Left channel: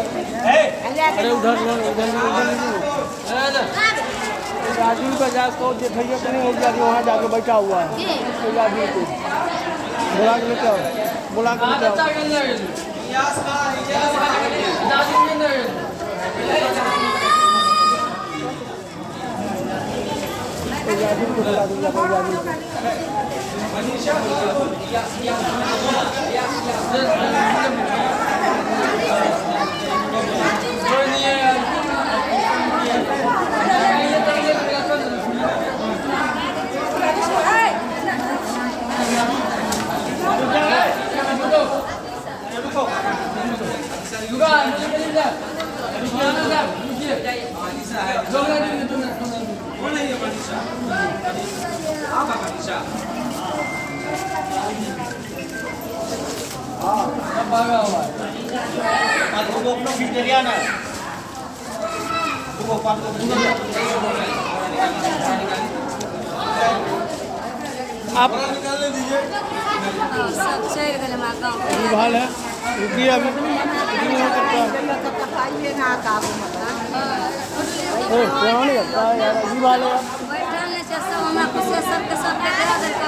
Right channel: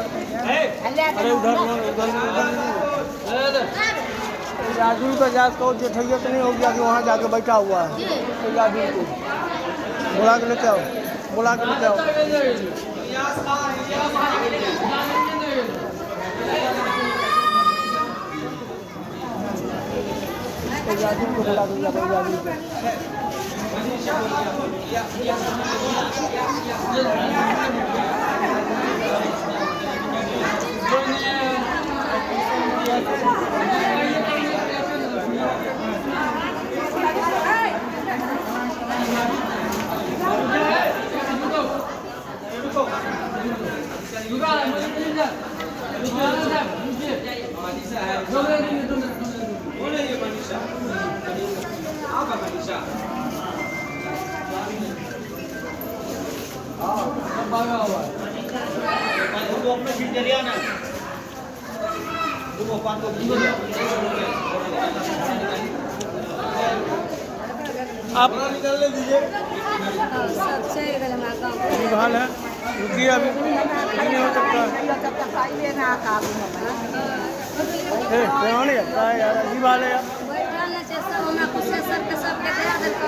अरे उधर राजू का जास को देखिए कि नहीं हो गया कि वहाँ जाके बैठा हुआ है राजू को बुला के लेते आओ बुला के लेते आओ राजू को बुला के लेते राजू को आप निकाल दीजिए सब चल गए हमारा गाँव हाल है रुकिए अभी नहीं हो सकता है नहीं करता है यार अजीब हाल है यार बैठल नहीं सब हमारा कुछ सर के सब